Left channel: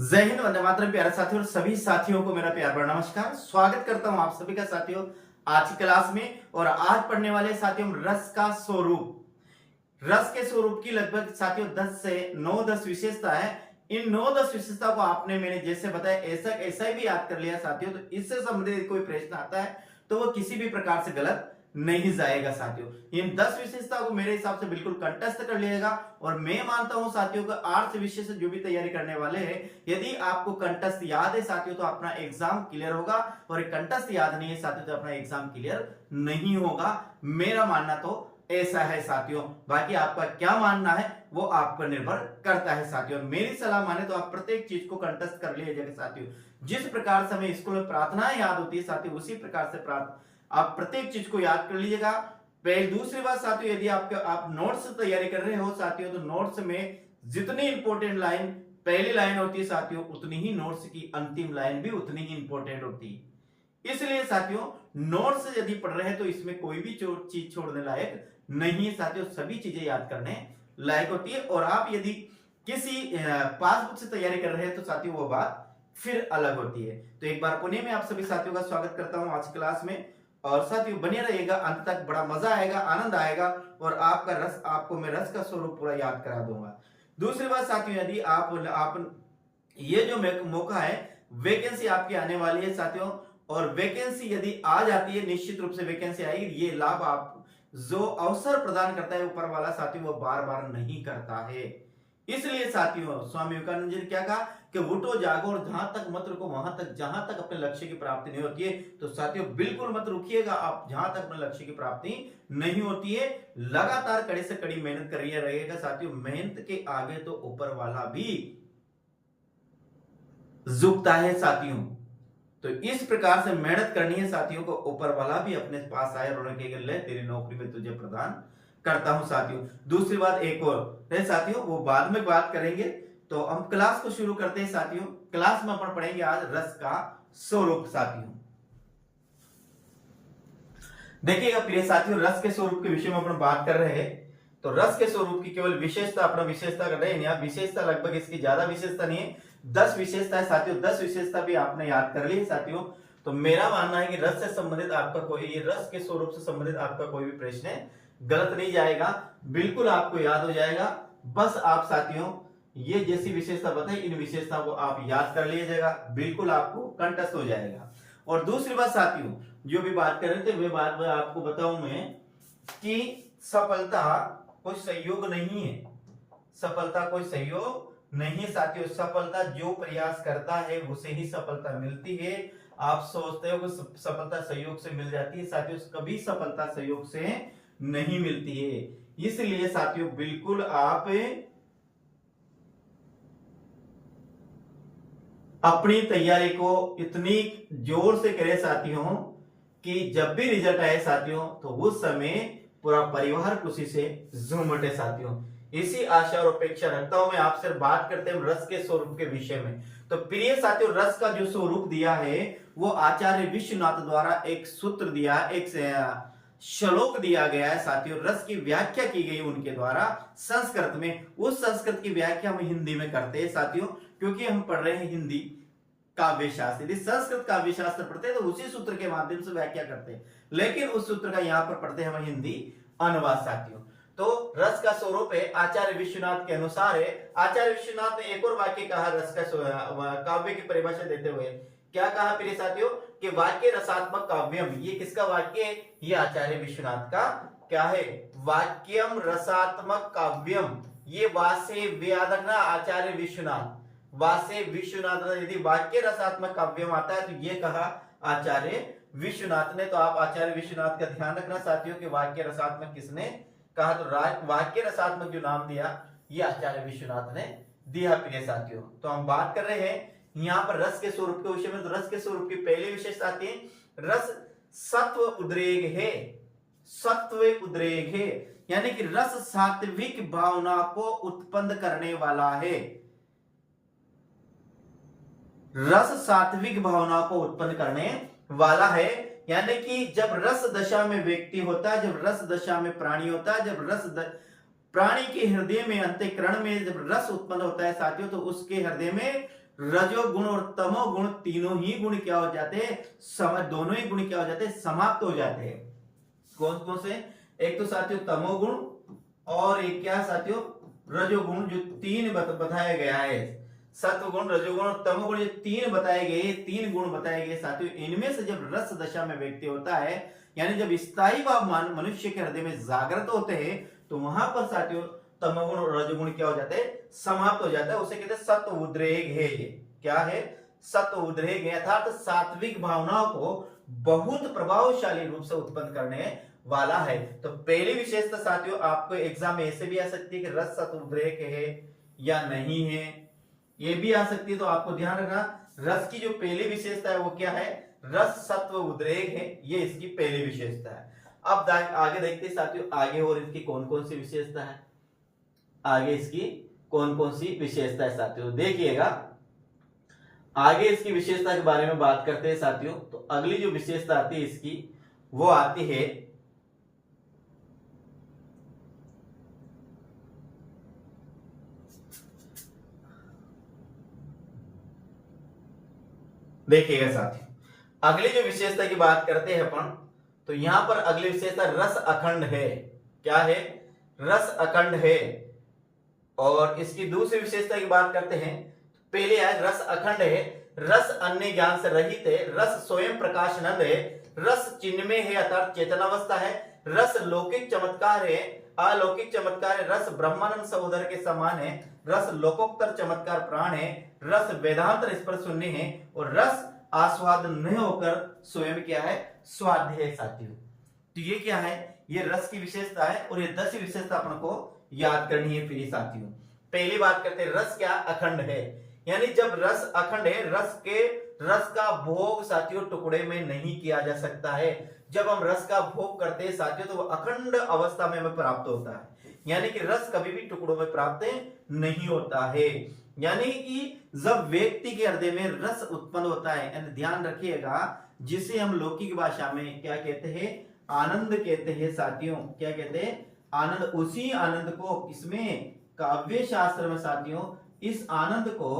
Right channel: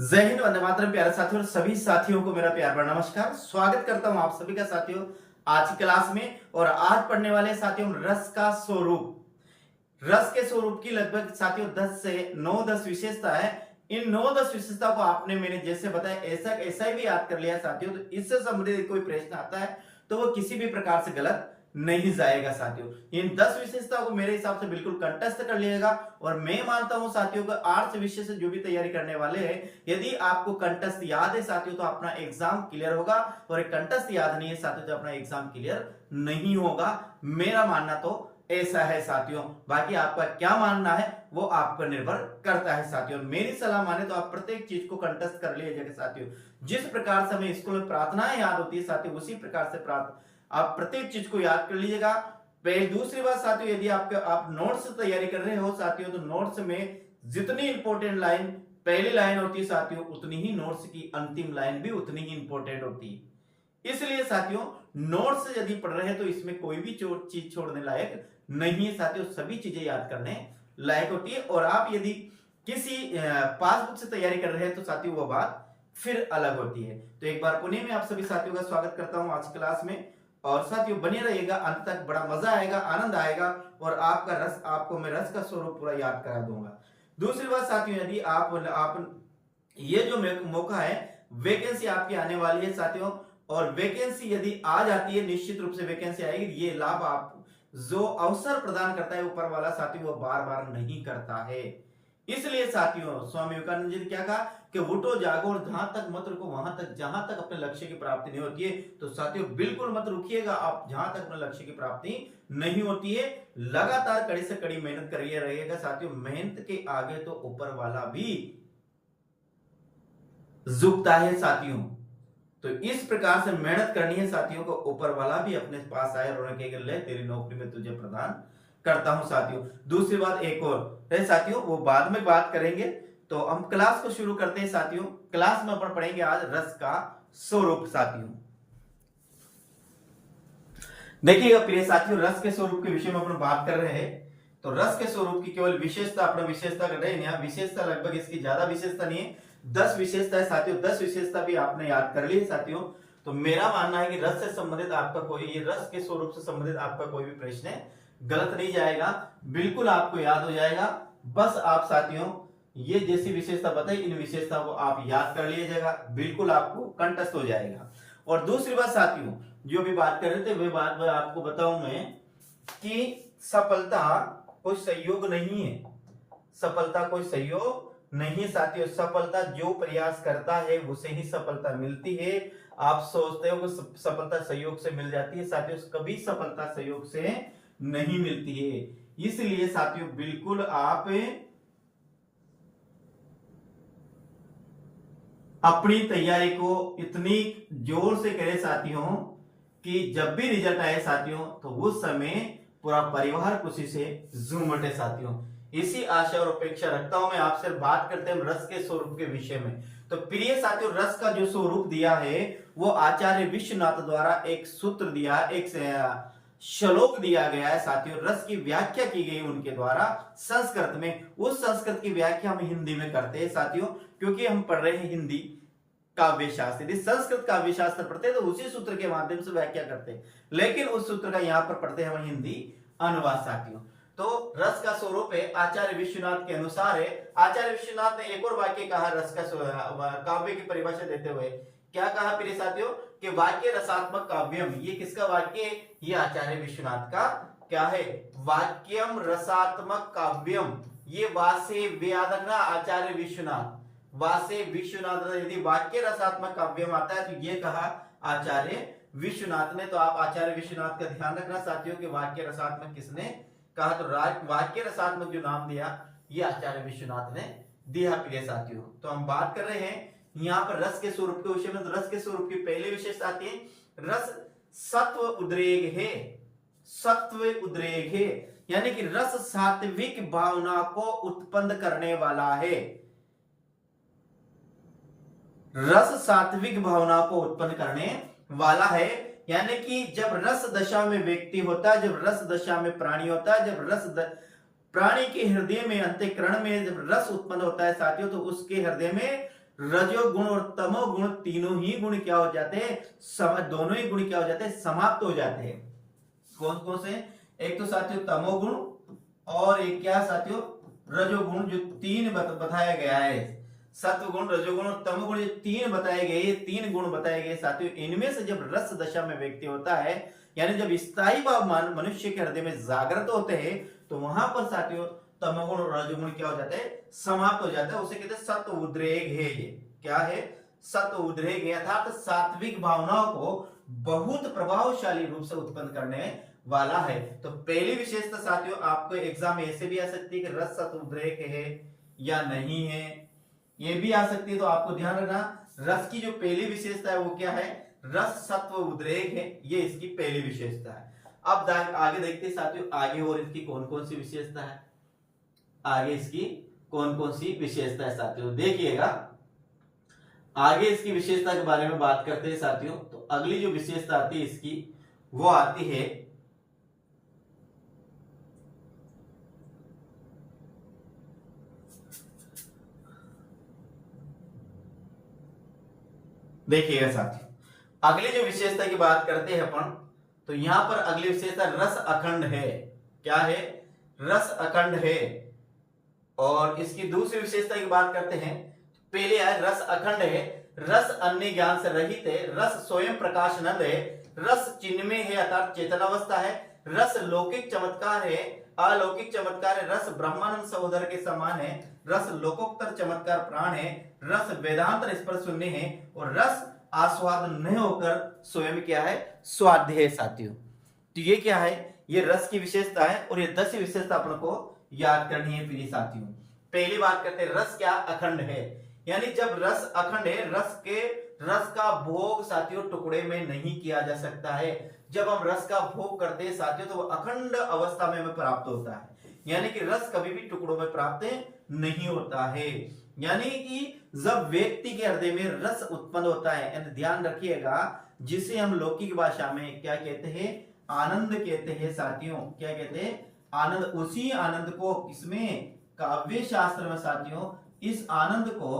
जय हिंद, वंदे मातरम। प्यारे साथियों, सभी साथियों को मेरा प्यार भरा नमस्कार। स्वागत करता हूं आप सभी का साथियों आज की क्लास में। और आज पढ़ने वाले साथियों रस का स्वरूप। रस के स्वरूप की लगभग साथियों 10 से 9-10 विशेषता है। इन 9-10 विशेषता को आपने मैंने जैसे बताया ऐसा ही भी याद कर लिया साथियों, तो इससे संबंधित कोई प्रश्न आता है तो वो किसी भी प्रकार से गलत नहीं जाएगा साथियों। इन 10 विशेषताओं को मेरे हिसाब से बिल्कुल कंठस्थ कर लीजिएगा। और मैं मानता हूं साथियों को आर्ट्स विषय से जो भी तैयारी करने वाले हैं, यदि आपको कंठस्थ याद है साथियों तो अपना एग्जाम क्लियर होगा, और एक कंठस्थ याद नहीं है साथियों तो अपना एग्जाम क्लियर नहीं होगा। मेरा मानना तो ऐसा है साथियों। बाकी आपका क्या मानना है वो आप पर निर्भर करता है साथियों। मेरी सलाह माने तो आप प्रत्येक चीज को कंठस्थ कर लीजिएगा साथियों। जिस प्रकार से हमें स्कूल में प्रार्थनाएं याद होती है साथियों, उसी प्रकार से आप प्रत्येक चीज को याद कर लीजिएगा। पहले दूसरी बात साथियों, यदि आप नोट्स तैयारी कर रहे हो साथियों, तो नोट्स में जितनी इंपॉर्टेंट लाइन पहली लाइन होती है साथियों, उतनी ही नोट्स की अंतिम लाइन भी उतनी ही इंपॉर्टेंट होती है। इसलिए साथियों नोट्स यदि पढ़ रहे हैं तो इसमें कोई भी चीज छोड़ने लायक नहीं है साथियों, सभी चीजें याद करने लायक होती है। और आप यदि किसी पासबुक से तैयारी कर रहे हैं तो साथियों वो बात फिर अलग होती है। तो एक बार पुनः मैं आप सभी साथियों का स्वागत करता हूं आज क्लास में। और साथियों बने रहिएगा अंत तक, बड़ा मजा आएगा, आनंद आएगा, और आपको मैं रस का स्वरूप पूरा याद करा दूंगा। दूसरी बात साथियों, यदि आप ये जो मौका है, वैकेंसी आपकी आने वाली है साथियों, और वैकेंसी यदि आ जाती है, निश्चित रूप से वैकेंसी आएगी, ये लाभ आप जो अवसर प्रदान करता है ऊपर वाला साथियों वो बार बार नहीं करता है। इसलिए साथियों स्वामी विवेकानंद जी ने क्या कहा कि उठो जागो और जहां तक मत रुको, वहां तक जहां तक अपने लक्ष्य की प्राप्ति नहीं होती है। तो साथियों बिल्कुल मत रुकिएगा, आप जहां तक अपने लक्ष्य की प्राप्ति नहीं होती है लगातार कड़ी से कड़ी मेहनत करिए रहिएगा साथियों। मेहनत के आगे तो ऊपर वाला भी झुकता है साथियों। तो इस प्रकार से मेहनत करनी है साथियों को, ऊपर वाला भी अपने पास आए और उन्हें ले तेरी नौकरी में तुझे प्रदान करता हूं साथियों। दूसरी बात एक और है साथियों, वो बाद में बात करेंगे। तो हम क्लास को शुरू करते हैं साथियों। क्लास में अपन पढ़ेंगे आज रस का स्वरूप साथियों। देखिएगा प्रिय साथियों, रस के स्वरूप के विषय में अपन बात कर रहे हैं। तो रस के स्वरूप की केवल विशेषता अपना विशेषता कर रहे हैं। विशेषता लगभग इसकी ज्यादा विशेषता नहीं है, 10 विशेषता है साथियों। 10 विशेषता भी आपने याद कर ली है साथियों। तो मेरा मानना है कि रस से संबंधित आपका कोई, ये रस के स्वरूप से संबंधित आपका कोई भी प्रश्न गलत नहीं जाएगा, बिल्कुल आपको याद हो जाएगा। बस आप साथियों ये जैसी विशेषता बताई, इन विशेषता को आप याद कर लीजिएगा, बिल्कुल आपको कंठस्थ हो जाएगा। और दूसरी बात साथियों जो भी बात कर रहे थे वे बात आपको बताऊं मैं कि सफलता कोई सहयोग नहीं है। सफलता कोई सहयोग नहीं साथियों। सफलता जो प्रयास करता है उसे ही सफलता मिलती है। आप सोचते हो कि सफलता सहयोग से मिल जाती है साथियों, कभी सफलता सहयोग से नहीं मिलती है। इसलिए साथियों बिल्कुल आप अपनी तैयारी को इतनी जोर से करें साथियों कि जब भी रिजल्ट आए साथियों तो उस समय पूरा परिवार खुशी से झूम उठे साथियों। इसी आशा और अपेक्षा रखता हूं मैं आपसे। बात करते हैं रस के स्वरूप के विषय में। तो प्रिय साथियों रस का जो स्वरूप दिया है वो आचार्य विश्वनाथ द्वारा एक सूत्र दिया, एक श्लोक दिया गया है साथियों। रस की व्याख्या की गई उनके द्वारा संस्कृत में। उस संस्कृत की व्याख्या हम हिंदी में करते हैं साथियों, क्योंकि हम पढ़ रहे हैं हिंदी काव्य शास्त्र। यदि संस्कृत काव्य शास्त्र पढ़ते हैं तो उसी सूत्र के माध्यम से व्याख्या करते हैं, लेकिन उस सूत्र का यहाँ पर पढ़ते हैं हम हिंदी अनुवाद साथियों। तो रस का स्वरूप है आचार्य विश्वनाथ के अनुसार है। आचार्य विश्वनाथ ने एक और वाक्य कहा रस का काव्य की परिभाषा देते हुए। क्या कहा प्रिय साथियों कि वाक्य रसात्मक काव्यम। ये किसका वाक्य है? ये आचार्य विश्वनाथ का क्या है? वाक्यम रसात्मक काव्यम। ये वासे व्यादना आचार्य विश्वनाथ, वासे विश्वनाथ। यदि वाक्य रसात्मक काव्यम आता है तो ये कहा आचार्य विश्वनाथ ने। तो आप आचार्य विश्वनाथ का ध्यान रखना साथियों कि वाक्य रसात्मक किसने कहा। तो वाक्य रसात्मक जो नाम दिया ये आचार्य विश्वनाथ ने दिया प्रिय साथियों। तो हम बात कर रहे हैं यहाँ पर रस के स्वरूप के विषय में। तो रस के स्वरूप की पहली विशेषता आती है, रस सत्व उद्रेक है। सत्व उद्रेक है यानी कि रस सात्विक भावना को उत्पन्न करने वाला है। रस सात्विक भावना को उत्पन्न करने वाला है, यानी कि जब रस दशा में व्यक्ति होता है, जब रस दशा में प्राणी होता है, जब प्राणी के हृदय में अंतःकरण में जब रस उत्पन्न होता है साथियों, तो उसके हृदय में रजोगुण और तमोगुण तीनों ही गुण क्या हो जाते हैं, दोनों ही गुण क्या हो जाते हैं, समाप्त हो जाते हैं। कौन कौन से? एक तो साथियों तमोगुण और एक क्या साथियों रजोगुण, जो तीन बताया गया है। सत्वगुण, रजोगुण और तमोगुण, ये तीन बताए गए, तीन गुण बताए गए साथियों। इनमें से जब रस दशा में व्यक्ति होता है, यानी जब स्थायी भाव मनुष्य के हृदय में जागृत होते हैं, तो वहां पर साथियों तमोगुण और रजोगुण क्या हो जाते हैं, समाप्त हो जाता है। उसे कहते हैं सत्व उद्रेक है। ये क्या है? सत्व उद्रेक है, अर्थात सात्विक भावनाओं को बहुत प्रभावशाली रूप से उत्पन्न करने वाला है। तो पहली विशेषता साथियों आपको एग्जाम में ऐसे भी आ सकती है कि रस सत्व उद्रेक है या नहीं है, ये भी आ सकती है। तो आपको ध्यान रखना, रस की जो पहली विशेषता है वो क्या है, रस सत्व उद्रेक है, ये इसकी पहली विशेषता है। अब आगे देखते हैं साथियों, आगे और इसकी कौन कौन सी विशेषता है, आगे इसकी कौन कौन सी विशेषता है साथियों, देखिएगा। आगे इसकी विशेषता के बारे में बात करते हैं साथियों। तो अगली जो विशेषता आती है इसकी, वो आती है देखिएगा साथियों, अगली जो विशेषता की बात करते हैं अपन, तो यहां पर अगली विशेषता रस अखंड है। क्या है? रस अखंड है। और इसकी दूसरी विशेषता की बात करते हैं, पहले है रस अखंड है, रस अन्य ज्ञान से रहित है, रस स्वयं प्रकाशनंद है, रस चिन्मय है अर्थात चेतनावस्था है, रस लौकिक चमत्कार है, अलौकिक चमत्कार है, रस ब्रह्मानंद सहोदर के समान है, रस लोकोत्तर चमत्कार प्राण है, रस वेदांत स्पर्श शून्य है, और रस आस्वाद नहीं होकर स्वयं क्या है, स्वाध्य है साथियों। तो ये क्या है, ये रस की विशेषता है, और ये 10 विशेषता अपन को याद करनी है प्रिय साथियों। पहली बात करते हैं, रस क्या अखंड है, यानी जब रस अखंड है, रस का भोग साथियों टुकड़े में नहीं किया जा सकता है। जब हम रस का भोग करते हैं साथियों, तो वो अखंड अवस्था में हमें प्राप्त होता है, यानी कि रस कभी भी टुकड़ों में प्राप्त नहीं होता है। यानी कि जब व्यक्ति के हृदय में रस उत्पन्न होता है, यानी ध्यान रखिएगा, जिसे हम लौकिक भाषा में क्या कहते हैं, आनंद कहते हैं साथियों। क्या कहते हैं? आनंद। उसी आनंद को इसमें काव्य शास्त्र में साथियों इस आनंद को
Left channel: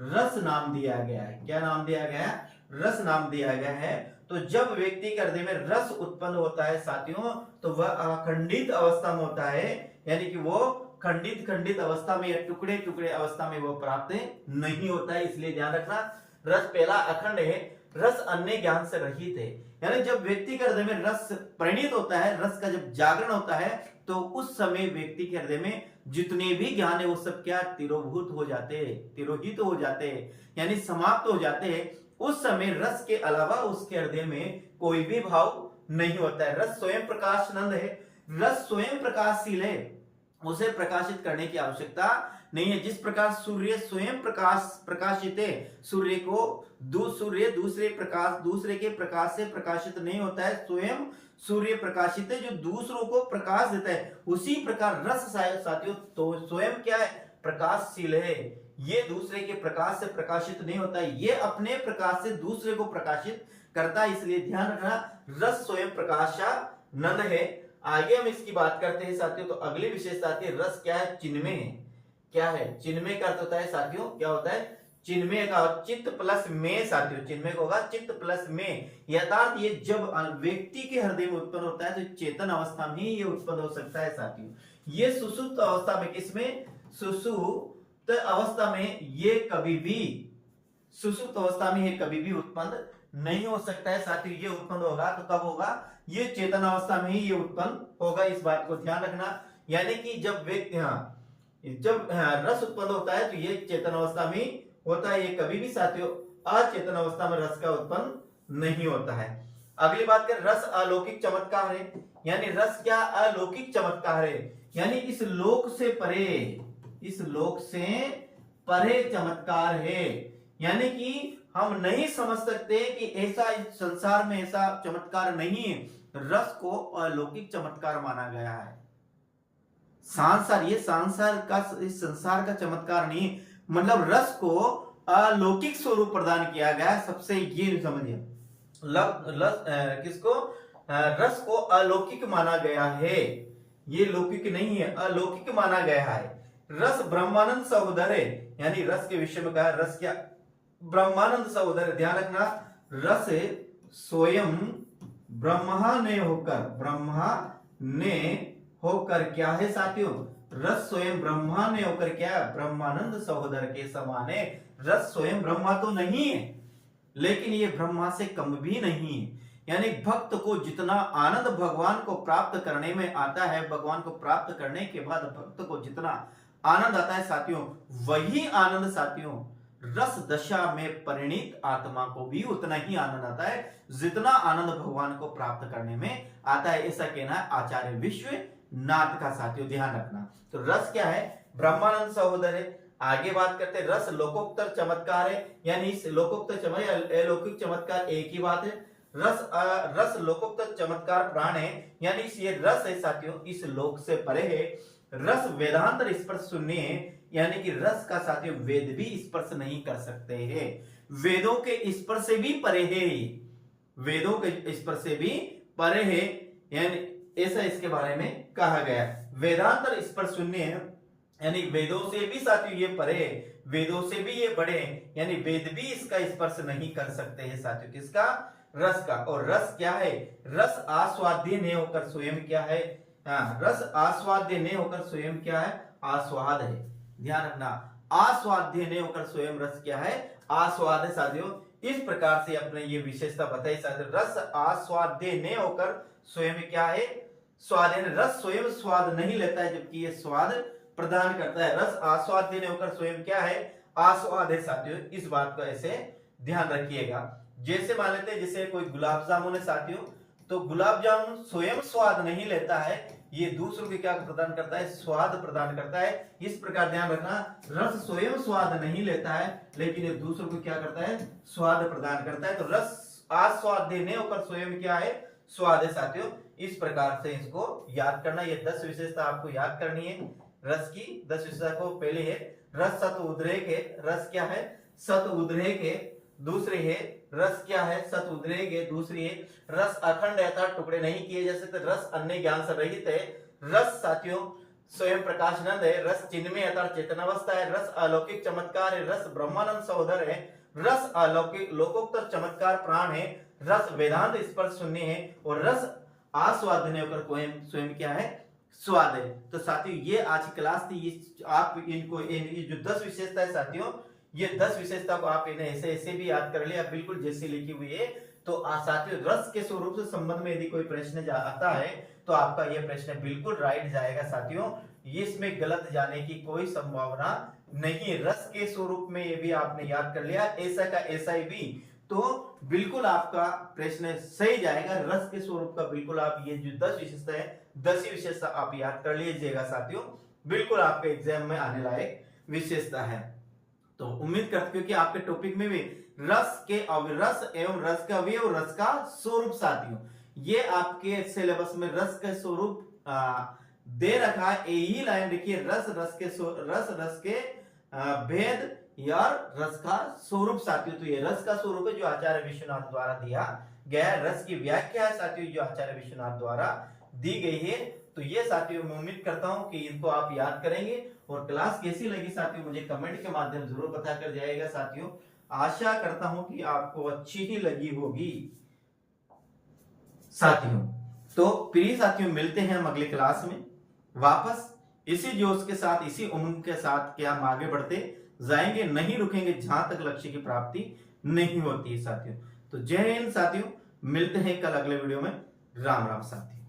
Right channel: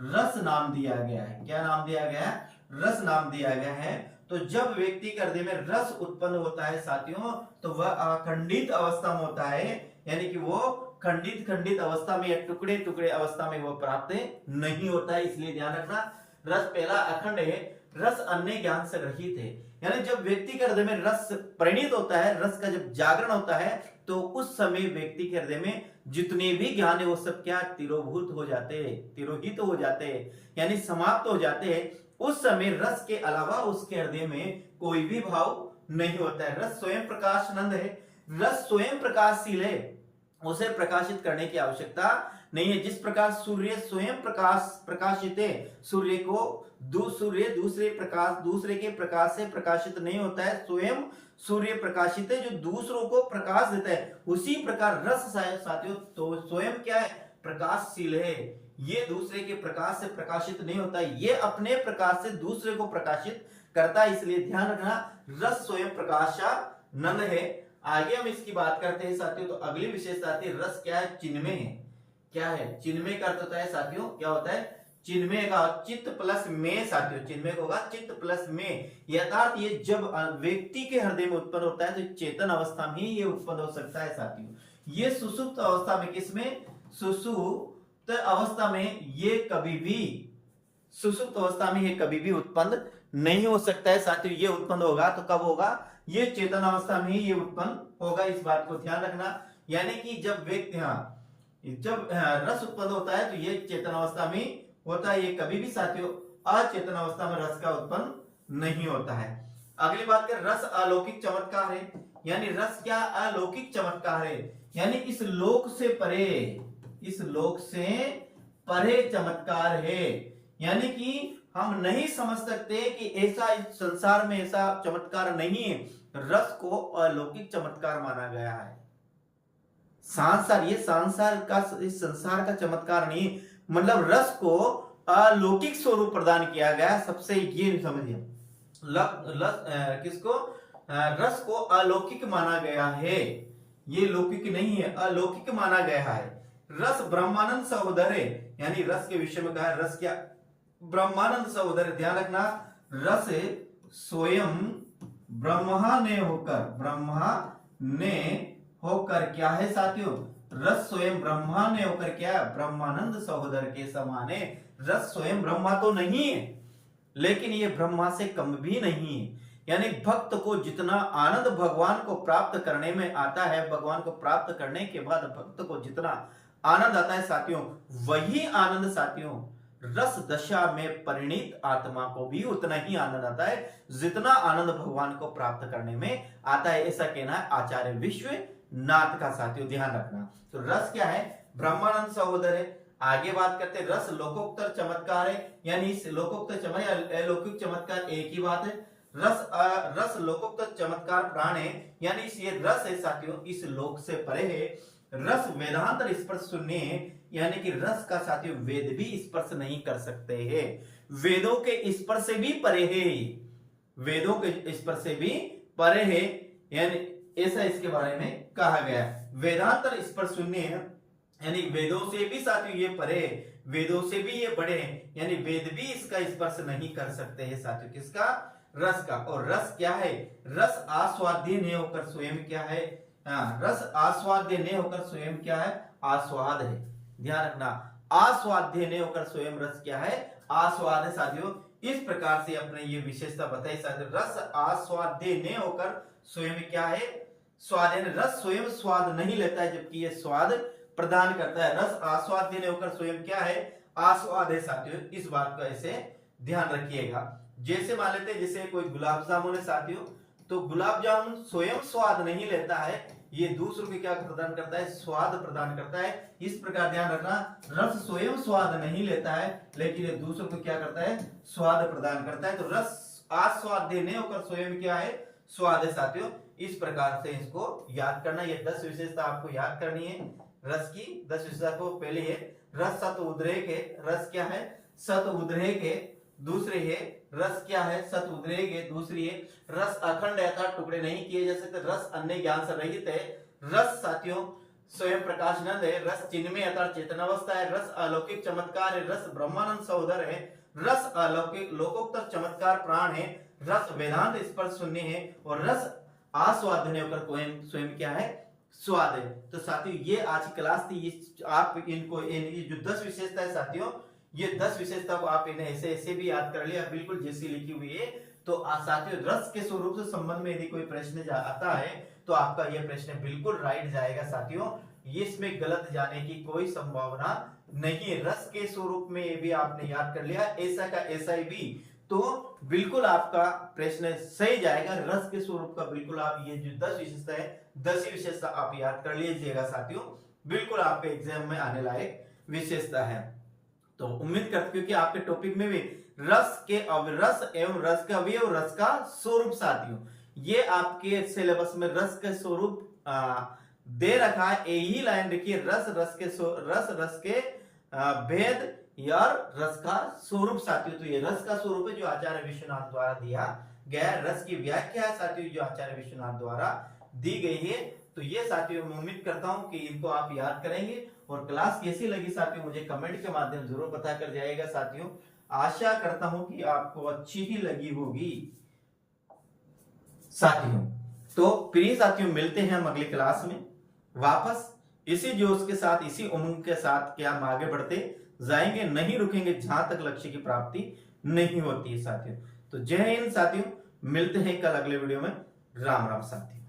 रस नाम दिया गया है। क्या नाम दिया गया है? रस नाम दिया गया है। तो जब व्यक्ति के हृदय में रस उत्पन्न होता है साथियों, तो वह अखंडित अवस्था में होता है, यानी कि वो खंडित अवस्था में या टुकड़े टुकड़े अवस्था में वो प्राप्त नहीं होता है। इसलिए ध्यान रखना, रस पहला अखंड है, रस अन्य ज्ञान से रहित है। यानी जब व्यक्ति के हृदय में रस परिणित होता है, रस का जब जागरण होता है, तो उस समय व्यक्ति के हृदय में जितने भी ज्ञान है वो सब क्या तिरोभूत हो जाते हैं, तिरोहित हो जाते हैं, यानी समाप्त हो जाते हैं। उस समय रस के अलावा उसके हृदय में कोई भी भाव नहीं होता है। रस स्वयं प्रकाशनंद है, रस स्वयं प्रकाशशील है, उसे प्रकाशित करने की आवश्यकता नहीं है। जिस प्रकार सूर्य स्वयं प्रकाशित है, सूर्य दूसरे के प्रकाश से प्रकाशित नहीं होता है, स्वयं सूर्य प्रकाशित है जो दूसरों को प्रकाश देता है। उसी प्रकार रस साथियों तो स्वयं क्या है, प्रकाशशील है। ये दूसरे के प्रकाश से प्रकाशित नहीं होता है, ये अपने प्रकाश से दूसरे को प्रकाशित करता है। इसलिए ध्यान रखना, रस स्वयं प्रकाशानंद है। आगे हम इसकी बात करते हैं साथियों, तो अगली विशेषता आती है, रस क्या है, चिन्मय है। क्या है? चिन्मय का अर्थ होता है साथियों, क्या होता है? चिन्मय का चित्त प्लस में साथियों, चिन्मय होगा चित्त प्लस में। यथार्थ ये जब व्यक्ति के हृदय में उत्पन्न होता है, तो चेतन अवस्था में ही ये उत्पन्न हो सकता है साथियों। ये सुसुप्त अवस्था में, किसमें? सुसुप्त अवस्था में ये कभी भी, सुसुप्त अवस्था में ये कभी भी उत्पन्न नहीं हो सकता है साथियों। ये उत्पन्न होगा तो कब होगा? ये चेतन अवस्था में ही ये उत्पन्न होगा, इस बात को ध्यान रखना। यानी कि जब व्यक्ति जब रस उत्पन्न होता है तो ये चेतन अवस्था में होता है, ये कभी भी साथियों अचेतन अवस्था में रस का उत्पन्न नहीं होता है। अगली बात कर, रस अलौकिक चमत्कार है, यानी रस क्या अलौकिक चमत्कार है, यानी इस लोक से परे, इस लोक से परे चमत्कार है। यानी कि हम नहीं समझ सकते कि ऐसा इस संसार में ऐसा चमत्कार नहीं है। रस को अलौकिक चमत्कार माना गया है। सांसार, ये सांसार का, इस संसार का चमत्कार नहीं, मतलब रस को अलौकिक स्वरूप प्रदान किया गया है। सबसे ये समझिए, किसको? रस को अलौकिक माना गया है, ये लौकिक नहीं है, अलौकिक माना गया है। रस ब्रह्मानंद सहोदर है, यानी रस के विषय में कहा है, रस क्या ब्रह्मानंद सहोदर, ध्यान रखना, रस स्वयं ब्रह्मा ने होकर क्या है साथियों, रस स्वयं ब्रह्मा ने होकर क्या है, ब्रह्मानंद सहोदर के समान है। रस स्वयं ब्रह्मा तो नहीं है, लेकिन ये ब्रह्मा से कम भी नहीं है। यानी भक्त को जितना आनंद भगवान को प्राप्त करने में आता है, भगवान को प्राप्त करने के बाद भक्त को जितना आनंद आता है साथियों, वही आनंद साथियों रस दशा में परिणीत आत्मा को भी उतना ही आनंद आता है जितना आनंद भगवान को प्राप्त करने में आता है। ऐसा कहना है आचार्य विश्वनाथ का साथियों, ध्यान रखना। तो रस क्या है, ब्रह्मानंद सहोदर है। आगे बात करते हैं, रस लोकोत्तर चमत्कार है, यानी इस लोकोत्तर चमत्कार या अलौकिक चमत्कार एक ही बात है। रस लोकोत्तर चमत्कार प्राण है, यानी ये रस है साथियों, इस लोक से परे है। रस वेदांतर स्पर्श शून्य है, यानी कि रस का साथियों वेद भी स्पर्श नहीं कर सकते हैं, वेदों के स्पर्श से भी परे है, वेदों के स्पर्श से भी परे है, यानी ऐसा इसके बारे में कहा गया। वेदांतर स्पर्श शून्य है, यानी वेदों से भी साथियों ये परे है, वेदों से भी ये बड़े हैं, यानी वेद भी इसका स्पर्श नहीं कर सकते हैं साथियों, किसका, रस का। और रस क्या है, रस आस्वाद्य नहीं होकर स्वयं क्या है, रस आस्वाद्य नहीं होकर स्वयं क्या है, आस्वाद है। ध्यान रखना, आस्वाद्य नहीं होकर स्वयं रस क्या है, आस्वाद है साथियों। इस प्रकार से अपने ये विशेषता बताई साथियों, रस आस्वाद्य नहीं होकर स्वयं क्या है, स्वाद है। रस स्वयं स्वाद नहीं लेता है, जबकि ये स्वाद प्रदान करता है। रस आस्वाद्य नहीं होकर स्वयं क्या है, आस्वाद है साथियों। इस बात का ऐसे ध्यान रखिएगा। जैसे मान लेते हैं, जैसे कोई गुलाब जामुन है साथियों, तो गुलाब जामुन स्वयं स्वाद नहीं लेता है, ये दूसरों को क्या प्रदान करता है, स्वाद प्रदान करता है। इस प्रकार ध्यान रखना, रस स्वयं स्वाद नहीं लेता है, लेकिन ये दूसरों को क्या करता है, स्वाद प्रदान करता है। तो रस आस्वाद्य नहीं होकर स्वयं क्या है, स्वाद है साथियों। इस प्रकार से इसको याद करना, ये 10 विशेषता आपको याद करनी है रस की। 10 विशेषता को पहले है रस सत उद्रेक है, रस क्या है, सत उद्रेक है। दूसरे है रस क्या है, सत उद्रेक है। दूसरी है रस अखंड अर्थात टुकड़े नहीं किए जा सकते, रस अन्य ज्ञान से रहित है। रस साथियों स्वयं प्रकाशनंद है, रस चिन्मय अर्थात चेतनावस्था है। रस अलौकिक चमत्कार है, रस ब्रह्मानंद सहोदर है। रस अलौकिक लोकोत्तर चमत्कार प्राण है। रस वेदांत स्पर्श शून्य है, और रस आस्वाद नहीं होकर स्वयं क्या है, स्वाद है। तो साथियों ये आज की क्लास थी, आप इनको जो 10 विशेषता है साथियों, ये 10 विशेषता को आप इन्हें ऐसे ऐसे भी याद कर लिया, बिल्कुल जैसी लिखी हुई है। तो साथियों रस के स्वरूप से संबंध में यदि कोई प्रश्न आता है तो आपका यह प्रश्न बिल्कुल राइट जाएगा साथियों, ये इसमें गलत जाने की कोई संभावना नहीं। रस के स्वरूप में ये भी आपने याद कर लिया, ऐसा का ऐसा ही भी, तो बिल्कुल आपका प्रश्न सही जाएगा। रस के स्वरूप का बिल्कुल आप ये जो 10 विशेषता है, 10 ही विशेषता आप याद कर लीजिएगा साथियों, बिल्कुल आपके एग्जाम में आने लायक विशेषता है। तो उम्मीद करते क्योंकि आपके टॉपिक में भी रस के रस एवं रस का अवयव, रस का स्वरूप साथियों, ये आपके सिलेबस में रस का स्वरूप दे रखा है। यही लाइन देखिए, रस के भेद या रस का स्वरूप साथियों। तो ये रस का स्वरूप है जो आचार्य विश्वनाथ द्वारा दिया गया है। रस की व्याख्या है साथियों जो आचार्य विश्वनाथ द्वारा दी गई है। तो ये साथियों मैं उम्मीद करता हूं कि इनको आप याद करेंगे। और क्लास कैसी लगी साथियों मुझे कमेंट के माध्यम जरूर पता कर जाएगा साथियों। आशा करता हूं कि आपको अच्छी ही लगी होगी साथियों। तो प्रिय साथियों मिलते हैं हम अगली क्लास में वापस इसी जोश के साथ, इसी उमंग के साथ कि हम आगे बढ़ते जाएंगे, नहीं रुकेंगे जहां तक लक्ष्य की प्राप्ति नहीं होती है साथियों। तो जय हिंद साथियों, मिलते हैं कल अगले वीडियो में। राम राम साथियों।